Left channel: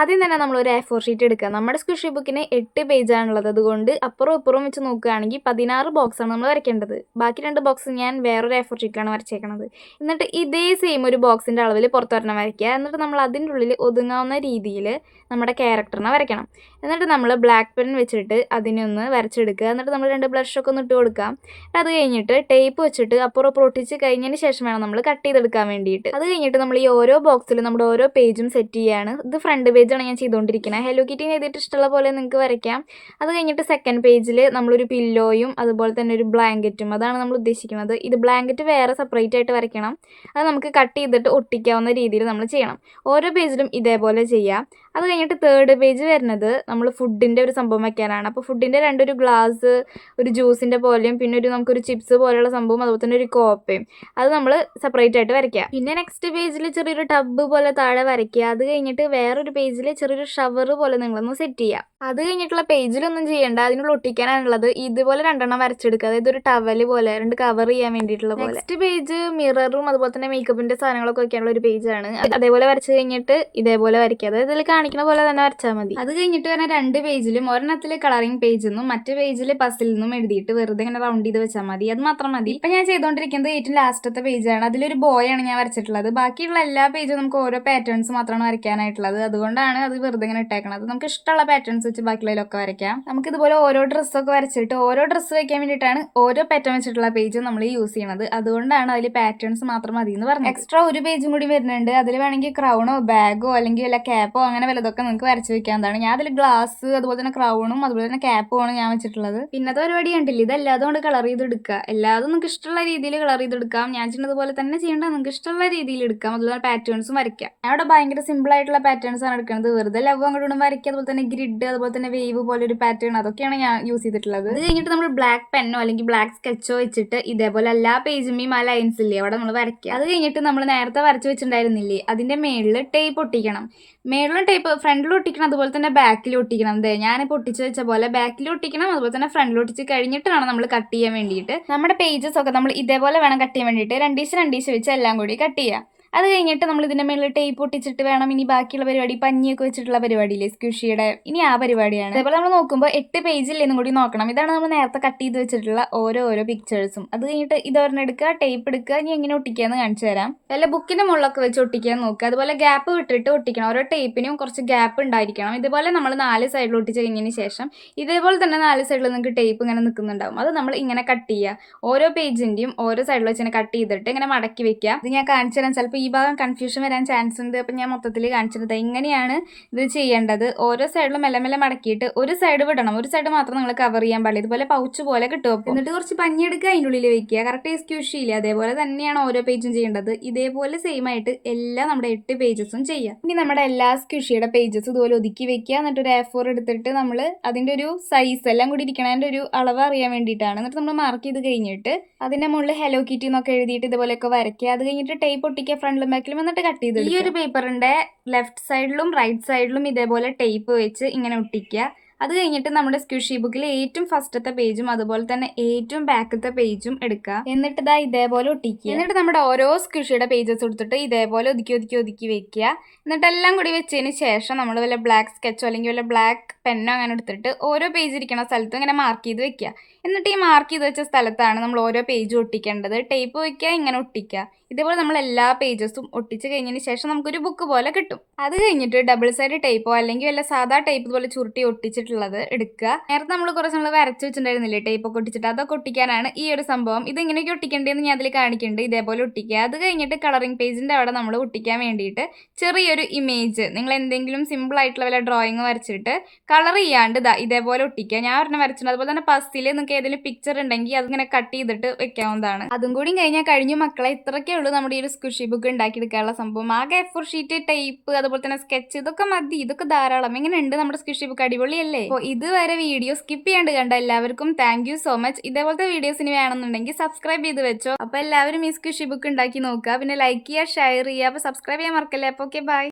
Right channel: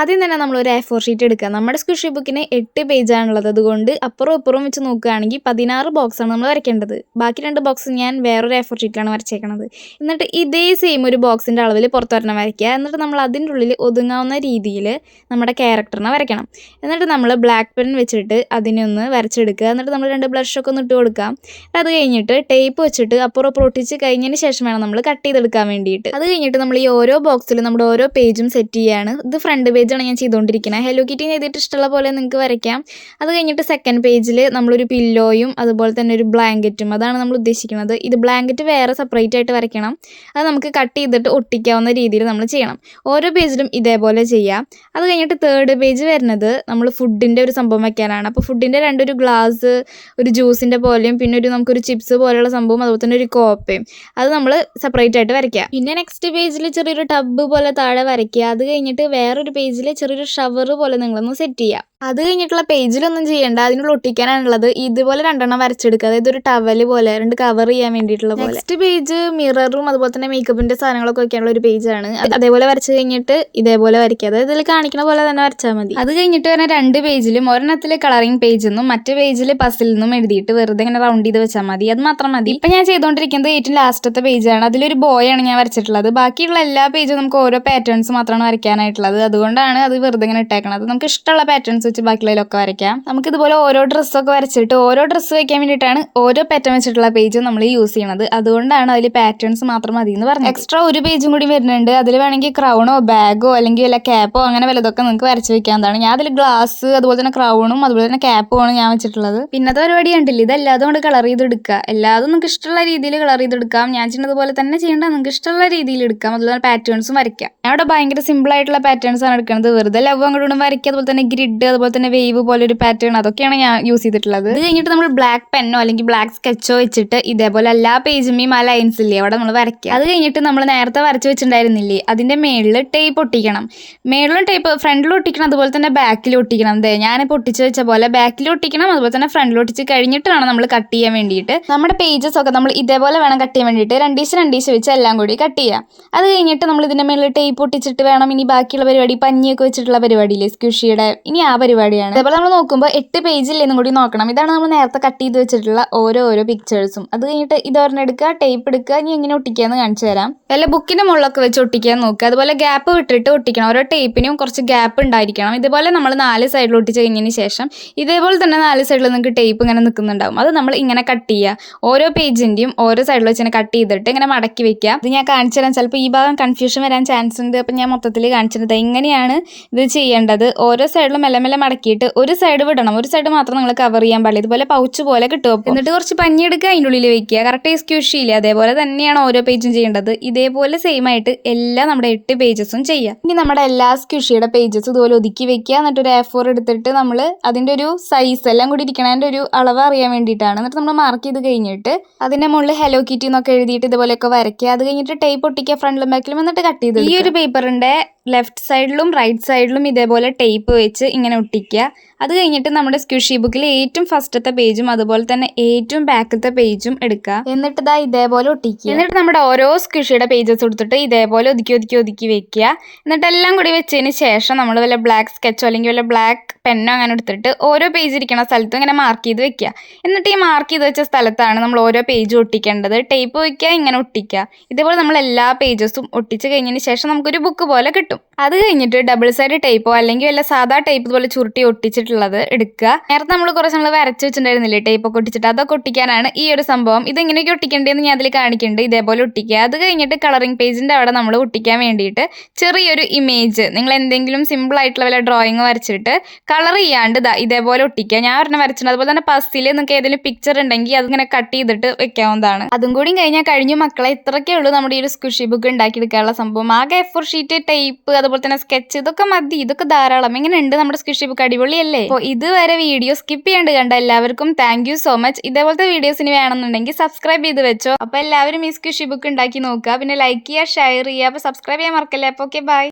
ആദ്യം തന്നെ നമ്മളൊരു A4 ഷീറ്റ് എടുക്കുക. നമ്മുടെ സ്ക്വിഷി ബുക്കിന് 8 പേജാണുള്ളത്. അതുകൊണ്ട് അപ്പുറവും ഇപ്പുറവും വെച്ച് നോക്കുകയാണെങ്കിൽ 16 ബോക്സാണ് നമ്മൾ വരയ്ക്കേണ്ടത്. ബാക്കി 2 ബോക്സ് ഞാൻ വേറൊരു A4 ഷീറ്റിലാണ് വരച്ചേക്കണത്. എന്നിട്ട് ഇതേ സെയിം ഒരു ബോക്സിൻ്റെ അളവിൽ പുറത്തൊരെണ്ണം വരയ്ക്കുക. എന്നിട്ട് നമ്മൾ അതിൻ്റെ ഉള്ളിൽ ഒതുങ്ങാവുന്ന രീതിയിൽ നമ്മുടെ ക്യാരക്ടറിനെ വരയ്ക്കണം. എന്നിട്ട് നമ്മൾ ബ്ലാക്ക് പെൻ വെച്ചിട്ട് അതിനൊന്ന് വരച്ചെടുക്കുക. എന്നിട്ട് നമ്മൾ 2 ബ്ലഷൊക്കെ ഒന്ന് ഇട്ട് കൊടുക്കാം. അത് കഴിഞ്ഞിട്ട് ടേപ്പ് വെച്ചിട്ട് അപ്പുറം ഒട്ടിച്ച് കഴിഞ്ഞതിന് ശേഷം വേണം നമ്മൾ കട്ട് ചെയ്തെടുക്കാൻ വേണ്ടിയിട്ട്. അത് കഴിഞ്ഞിട്ട് നമ്മൾ ഈ ഓരോ ബോക്സിലും നമ്മുടെ ഓരോ പേജും സെറ്റ് ചെയ്യുകയാണ്. ഇത് ഫ്രണ്ട് പേജാണ് ഞാൻ ചെയ്തുകൊണ്ടിരിക്കുന്നത്. ഹലോ കിറ്റി എഴുതിയിട്ട് ഇഷ്ടമുള്ള പോലെ നിങ്ങൾക്ക് വരയ്ക്കാം. അത് കഴിഞ്ഞിട്ട് സെക്കൻഡ് പേജിൽ നമ്മളൊരു പില്ലോയും അതുപോലെ തന്നെ ഒരു ബ്ലാങ്കറ്റും, അതാണ് നമ്മൾ ഉദ്ദേശിക്കുന്നത്. ഇത് ബ്ലാങ്കറ്റ് വേറെ സെപ്പറേറ്റ് ആയിട്ട് വരയ്ക്കണം. അത് നമുക്ക് കട്ട് ചെയ്തിട്ട് ഒട്ടിക്കാവുന്ന രീതിയിൽ നമ്മൾ ചെയ്യണം. ഓരോ പേജിലും ഇതേപോലെ ചെയ്യാം. അത് കഴിഞ്ഞിട്ട് തേർഡ് പേജ് വരുന്നത് നമ്മൾ ഫുഡിൻ്റെ ഒരു സംഭവം വയ്ക്കാനാണ്. അപ്പോൾ ഫുഡിൻ്റെ ഒരു ഗ്ലാസ്, ഒരു ജ്യൂസിൻ്റെ പോലെയും പിന്നെ നമുക്കൊരു ചിപ്സ് പോലെയുള്ള സംഭവം, അതുപോലെ തന്നെ ഒരു കോപ്പയും, അത് നമ്മൾ സെപ്പറേറ്റ് ആയിട്ട് വരയ്ക്കുക. പിന്നെ നെക്സ്റ്റ് പേജിൽ ചെറിയൊരു ടബ് പോലെ താഴെ വരയ്ക്കുക. അത് കഴിഞ്ഞിട്ട് വേറൊരു പേജിൽ ചെറിയൊരു ഷവർ പോലെ നിങ്ങളൊന്ന് സെറ്റ് ചെയ്യുക. അത് കഴിഞ്ഞിട്ടുള്ള പേജിലൊന്നും ചെയ്യേണ്ട, അതിനുള്ള ഒട്ടിക്കാനാണുള്ളത്. ഇതുപോലെ 2 വരച്ചെടുക്കുക. അതായത് ഒരു ടവൽ പോലെ 2 കവർ ചെയ്യാൻ വേണ്ടിയിട്ടുള്ള പോലെ. നെക്സ്റ്റ് പേജ് മിററും അതുപോലെ തന്നെ മേക്കപ്പിൻ്റെ സാധനങ്ങളൊക്കെ വയ്ക്കാനുള്ള ഒരു പേജാണ്. അതേപോലെ വരച്ച് കഴിഞ്ഞിട്ട് ഇതേപോലെ വരയ്ക്കുക. അതായത് ഇതിൽ കാണിക്കുന്ന പോലെ തന്നെ വരച്ചാൽ മതി. അത് കഴിഞ്ഞിട്ട് വരുന്ന 2 പേജിലും ഒരെണ്ണത്തിൽ കളറിംഗ് പേജ് എന്നും മറ്റു പേജിൽ പസിൽ നിന്നും എഴുതിയിട്ട് വെറുതെ ഇങ്ങനെ റൗണ്ട് ചെയ്ത് വെച്ചാൽ മതി. അത് മാത്രം മതി. ഇപ്പം ഞാൻ ചെയ്തുകൊണ്ടിരിക്കുന്നത് ഏറ്റവും ലാസ്റ്റത്തെ പേജാണ്. അതിലൊരു ബോയാണ് ഞാൻ വരച്ചിട്ടുള്ളത്. ബാക്കിയുള്ള എല്ലാ പേജും നമുക്ക് ഓരോ പാറ്റേൺസ് മാത്രമാണ് വരയ്ക്കാനായിട്ടുള്ളത്. അതുകൊണ്ടാണ് അത് വെറുതെ ഇങ്ങനെ ഇട്ടേക്കണത്. നമുക്ക് ഇഷ്ടമുള്ള പാറ്റേൺസ് വെച്ച് ബാക്കിയുള്ളതിലൊക്കെ വരയ്ക്കാം. നമുക്കിതുപോലെ ഓരോ ഡ്രസ്സൊക്കെ വരച്ചിട്ട് ഓരോ ഡ്രസ്സ് വയ്ക്കാൻ വേണ്ടിയിട്ടാണ് ഓരോ പാറ്റേൺ വെച്ചിട്ടുള്ള പേജ് നമ്മൾ യൂസ് ചെയ്യണത്. അതുകൊണ്ടാണ് അതിൽ പാറ്റേൺസ് മാത്രം മതി എന്ന് പറഞ്ഞത്. എക്സ്ട്രാ ഒരു പേജും കൂടി വരുന്നുണ്ട്. അതിൽ വേണമെങ്കിൽ ക്രൗണോ ബാഗോ അല്ലെങ്കിൽ വല്ല ക്യാപ്പോ അങ്ങനെ വല്ലതൊക്കെ നിങ്ങൾക്ക് വരച്ച് വെക്കാവുന്നതാണ്. ഞാൻ അതിൽ ഗ്ലാസ് അതുപോലെ തന്നെ ക്രൗണും അതുപോലെ തന്നെ ക്യാപ്പുമാണ് ഞാൻ വെച്ചിട്ടുള്ളത്. പിന്നത്തെ പരിപാടി കണ്ടില്ല, ഇതെല്ലാതും കൊണ്ട് കളർ ചെയ്തെടുക്കുക. എല്ലാതും നിങ്ങൾക്ക് ഇഷ്ടമുള്ള രീതിയിൽ കളർ ചെയ്തെടുക്കാം. ഞാൻ ചെയ്യുന്നതുപോലെ തന്നെ ചെയ്യേണ്ട, നിങ്ങൾക്ക് ഇഷ്ടമുള്ള രീതിയിൽ എടുക്കാം. അതുപോലെ പാറ്റേൺസും വരയ്ക്കാം. ഞാൻ ഇവിടെ ഭയങ്കര സിമ്പിൾ ആയിട്ടുള്ള പാറ്റേൺസ് ആണ് എടുക്കുന്നത്. വെറുതെ ലവ് അങ്ങോട്ടും വരയ്ക്കുക. അതുപോലെ തന്നെ ഗ്രിഡ്, അതുപോലെ തന്നെ വേവ് പോലെ ഒരു പാറ്റേൺ, അതൊക്കെയാണ് ഞാൻ യൂസ് ചെയ്തിട്ടുള്ളത്. ഇത് കഴിഞ്ഞിട്ട് നമ്മൾ ബ്ലാക്ക് പെന്നോ അല്ലെങ്കിൽ ബ്ലാക്ക് സ്കെച്ചോ വെച്ചിട്ട് ഇതേപോലെ എല്ലാ പേജുമേയും ആ ലൈൻസ് ഇല്ലേ അവിടെ നമ്മൾ വരയ്ക്കുക. അത് കഴിഞ്ഞിട്ട് നമ്മൾ നേരത്തെ വരച്ച് വെച്ചിട്ടുണ്ടായിരുന്നില്ലേ അതിന്റെ മേളിൽ ടേപ്പ് ഒട്ടിക്കണം. മേളിലും ടേപ്പ് ഫ്രണ്ടിലും ഒട്ടിക്കണം, അതുപോലെ തന്നെ ബാക്കിലും ഒട്ടിക്കണം. ഞാനിപ്പോൾ ഒട്ടിച്ച് വെച്ച പോലെ ബാക്കിലും ഒട്ടിക്കണം, അതുപോലെ തന്നെ ഫ്രണ്ടിലും ഒട്ടിച്ച് കഴിഞ്ഞിട്ട് വേണം നമ്മൾ കട്ട് ചെയ്യാൻ വേണ്ടിയിട്ട്. നമ്മുടെ പേജസ് ഒക്കെ നമ്മൾ ഇതേപോലെ വേണം കട്ട് ചെയ്യാൻ വേണ്ടിയിട്ട്. രണ്ടീശ് വെച്ച് എല്ലാം കൂടി കട്ട് ചെയ്യാം. അത് കഴിഞ്ഞിട്ട് നമ്മൾ ഇതിന്റെ മേളിൽ ടേപ്പ് ഒട്ടിച്ചിട്ട് വേണം ഇനി ബാക്കിയുള്ള പരിപാടി, പഞ്ഞിയൊക്കെ വെച്ചിട്ടുള്ള പരിപാടിയില്ലേ സ്ക്വിഷിയുടെ, ഇനി ആ പരിപാടിയാണ്. അതേപോലെ നമ്മൾ നോക്കുമ്പോൾ 8 പേജില്ലെന്നും കൂടി നോക്കണം. ഇതാണ് നമ്മൾ നേരത്തെ കട്ട് ചെയ്ത് വെച്ചിട്ടുള്ള ഓരോ പിക്ചേഴ്സും. അത് കഴിഞ്ഞിട്ട് ഇതൊരെണ്ണം എടുക്കുക, ടേപ്പ് എടുക്കുക, ഇനി എങ്ങനെ ഒട്ടിക്കാന്ന് കാണിച്ചു തരാം. വല്ല ബുക്കിന്റെ മുകളിലൊക്കെ വെച്ച് ഒട്ടിക്കാൻ നോക്കുക. അതുപോലെ ഗ്യാപ്പ് വിട്ടിട്ട് ഒട്ടിക്കണം. ഓരോ ടേപ്പിനും കുറച്ച് ഗ്യാപ്പ് ഉണ്ടായിരിക്കണം. ഇതുപോലെ നമ്മൾ 4 സൈഡിൽ ഒട്ടിച്ച് കഴിഞ്ഞതിന് ശേഷം ഇതേപോലെ തന്നെ 4 സൈഡിൽ നിങ്ങൾക്ക് ടേപ്പ് ഇങ്ങനെ നിൽക്കുന്നുണ്ടാവും. അത് നമ്മൾ ഇങ്ങനെ കട്ട് ചെയ്യുക. ഓരോ പേജിന്റെയും ഓരോ സൈഡിൽ വെച്ച് ഇങ്ങനെ കട്ട് ചെയ്തിട്ട് ഇങ്ങനെ മടക്കി വെക്കുക. ഇത് ഞാൻ കാണിച്ചു തരാം. ചിലപ്പോൾ ഈ ഭാഗം കൺഫ്യൂഷൻ വരാൻ ചാൻസ് ഉണ്ട്. അപ്പം ഞാൻ മൊത്തത്തിൽ കാണിച്ചിരുന്നത് ഇങ്ങനെയാണ് ഇത് ചെയ്യേണ്ടത്. ഓരോ സൈഡിലും മെല്ലെ മെല്ലെ മടക്കിയിട്ട് ഒരു സൈഡ് വിടണം, ഒരു സൈഡ് മാത്രം നിങ്ങൾ കവർ ചെയ്യാൻ പാടില്ല. ഇതുപോലെ പൗച്ച് പോലെ കിട്ടും. എന്നിട്ട് കുറച്ച് പഞ്ഞി എടുക്കുക, അതിൻ്റെ ഉള്ളിൽ വെക്കുക. കറക്റ്റ് സ്ക്വിഷിയില്ലേ അതേപോലെ തന്നെയാണ് ഓരോ പേജും ചെയ്യേണ്ടത്. ഇതേപോലെ സെയിം ആയിട്ട് എല്ലാം നമ്മുടെ 8 പേജസും ചെയ്യാം. ഇനി നമ്മുടെ എല്ലാ സ്ക്വിഷിയുടെ പേജസ് ഇതുപോലെ ഒതുക്കി വെക്കുക. എന്നിട്ട് ഒരു A4 എടുത്തിട്ട് നമ്മൾ അതിൻ്റെ ഒരു സൈസ് എല്ലാം കൂടി ഇരിക്കണതിൻ്റെ ഒരു അളവ് അറിയാൻ വേണ്ടിയിട്ടാണ്. എന്നിട്ട് നമ്മൾ മാർക്ക് ചെയ്ത് കഴിഞ്ഞിട്ട് അതിൻ്റെ മുകളിൽ ഹലോ കിറ്റി എന്നൊക്കെ എഴുതിയിട്ട് ഇതുപോലെയൊക്കെ വരയ്ക്കുക. അത് കഴിഞ്ഞിട്ട് ടേപ്പ് ഒട്ടിക്കുക ഫ്രണ്ടിലും ബാക്കിലും, എന്നിട്ട് കട്ട് ചെയ്ത്. ഈ ഒരു പേപ്പറിൻ്റെ ലെഫ്റ്റ് സൈഡിലും റൈറ്റ് സൈഡിലും ഇതേപോലെ ടേപ്പ് വെച്ച് ഇങ്ങനെ ഒട്ടിക്കുക. അത് കഴിഞ്ഞിട്ട് നമ്മുടെ സ്ക്വിഷി ബുക്കിൽ ഏറ്റവും ഫസ്റ്റത്തെ പേജും അതുപോലെ തന്നെ ഏറ്റവും ബാക്കത്തെ പേജും എടുക്കുക. എന്നിട്ട് ഇതാ ഇതേപോലെ ഒട്ടിക്കുക. എന്നിട്ട് നമ്മുടെ ഓരോ സ്ക്വിഷിയുടെ പേജസ് എടുത്തിട്ട് ഇതേപോലെ ഒതുക്കി വെക്കുക. എന്നിട്ട് എല്ലാം കൂടി വെച്ചതിന് ശേഷം നമ്മൾ വല്ല ബ്ലാക്ക് സ്കെച്ചോ അല്ലെങ്കിൽ വല്ല ബ്ലാക്ക് പെന്നോ അങ്ങനെ എടുത്തിട്ട് ഓരോ പേജ് ഇരിക്കുന്ന സ്ഥലത്തും ഇങ്ങനെ മാർക്ക് ചെയ്ത് വെക്കുക. എന്നിട്ട് ഈ മാർക്ക് ചെയ്ത് വെച്ച സ്ഥലത്താണ് നമ്മൾ ഓരോ പേജും ഒട്ടിക്കേണ്ടത്. ടേപ്പ് വയ്ക്കുക, ഇങ്ങനെ ഒട്ടിക്കുക. ഇതേപോലെ നമ്മൾ എല്ലാ പേജസും ഒട്ടിച്ച് കഴിഞ്ഞതിന് ശേഷം നമുക്കൊരു ബുക്ക് പോലെ കിട്ടും. അത് കഴിഞ്ഞിട്ട് ഡബിൾ സൈഡ് ടേപ്പോ അല്ലെങ്കിൽ വല്ല സാധാ ടേപ്പ് പോലെ ചുരുട്ടി ഒട്ടിച്ചിട്ടുള്ളത് എടുക്കുക. നേരത്തെ നമ്മൾ കുറച്ച് നമ്മൾ വരച്ച് വെച്ചിട്ടുണ്ടായിരുന്നില്ലേ ടേപ്പൊക്കെ ഒട്ടിച്ചിട്ട്, അതൊക്കെ ഒട്ടിക്കാനാണ് ഈ ഒരു സംഭവം. ഇതെങ്ങനെയൊക്കെ ഒട്ടിക്കേണ്ടതെന്ന് ഞാൻ അതിൽ കാണിക്കുന്നുണ്ട്. ഇതേപോലെ ഒട്ടിക്കുക. അത് കഴിഞ്ഞിട്ട് കളറിംഗ് പേജിൻ്റെ അവിടെ നമ്മൾ ഒട്ടിക്കാൻ വേണ്ടിയിട്ട് ചെറിയൊരു ഇമേജ്, നിങ്ങൾ എന്തെങ്കിലും സിമ്പിൾ ആയിട്ടുള്ള വല്ല ഡ്രോയിങ് വരച്ചിട്ട് കളർ ചെയ്യാണ്ട് ഇതേപോലെ ഒട്ടിക്കുക. ഞാൻ ഒരെണ്ണം വരച്ചിട്ടുണ്ട്. അതുപോലെ തന്നെ പസ്സിൽ നിങ്ങൾക്ക് ഏതെങ്കിലും പിക്ചർ ഉണ്ടെങ്കിൽ അതിങ്ങനെ കട്ട് ചെയ്തിട്ട് വെക്കാവുന്നതാണ്. അതും കൂടി കഴിഞ്ഞാൽ കഴിഞ്ഞു മക്കളെ. ഇത്രയൊക്കെ ഉള്ളൂ നമ്മുടെ ഈ ഒരു സ്ക്വിഷി ബുക്ക് ഉണ്ടാക്കിയെടുക്കാനുള്ള സംഭവം. ആകെ A4 ഷീറ്റ്, ടേപ്പ്, അതുപോലെ തന്നെ സ്കെച്ച്, ഇതൊക്കെ മതി. ഇതൊക്കെ ധാരാളം. എങ്ങനെയുണ്ട് നമ്മുടെ സ്ക്വിഷി ബുക്ക്? അടിപൊളിയല്ലേ? അപ്പോൾ ഇതുവരെ വീഡിയോ സ്കിപ്പ് ചെയ്യാണ്ട് കണ്ട എല്ലാവർക്കും താങ്ക് യു സോ മച്ച്. ഇതേപോലത്തെ വീഡിയോസിന് വേണമെന്നുണ്ടെങ്കിൽ സബ്സ്ക്രൈബ് ചെയ്ത് വെച്ചോ. അപ്പോൾ എല്ലാവരും ഈ സ്ക്വിഷി ബുക്ക് ഉണ്ടാക്കി നോക്കുക. പിന്നെ ലൈക്ക് ചെയ്യുക, ഷെയർ ചെയ്യുക. അപ്പോൾ സബ്സ്ക്രൈബ് ചെയ്യാൻ മറക്കല്ലേ. അപ്പോൾ ഓക്കെ, ബൈ.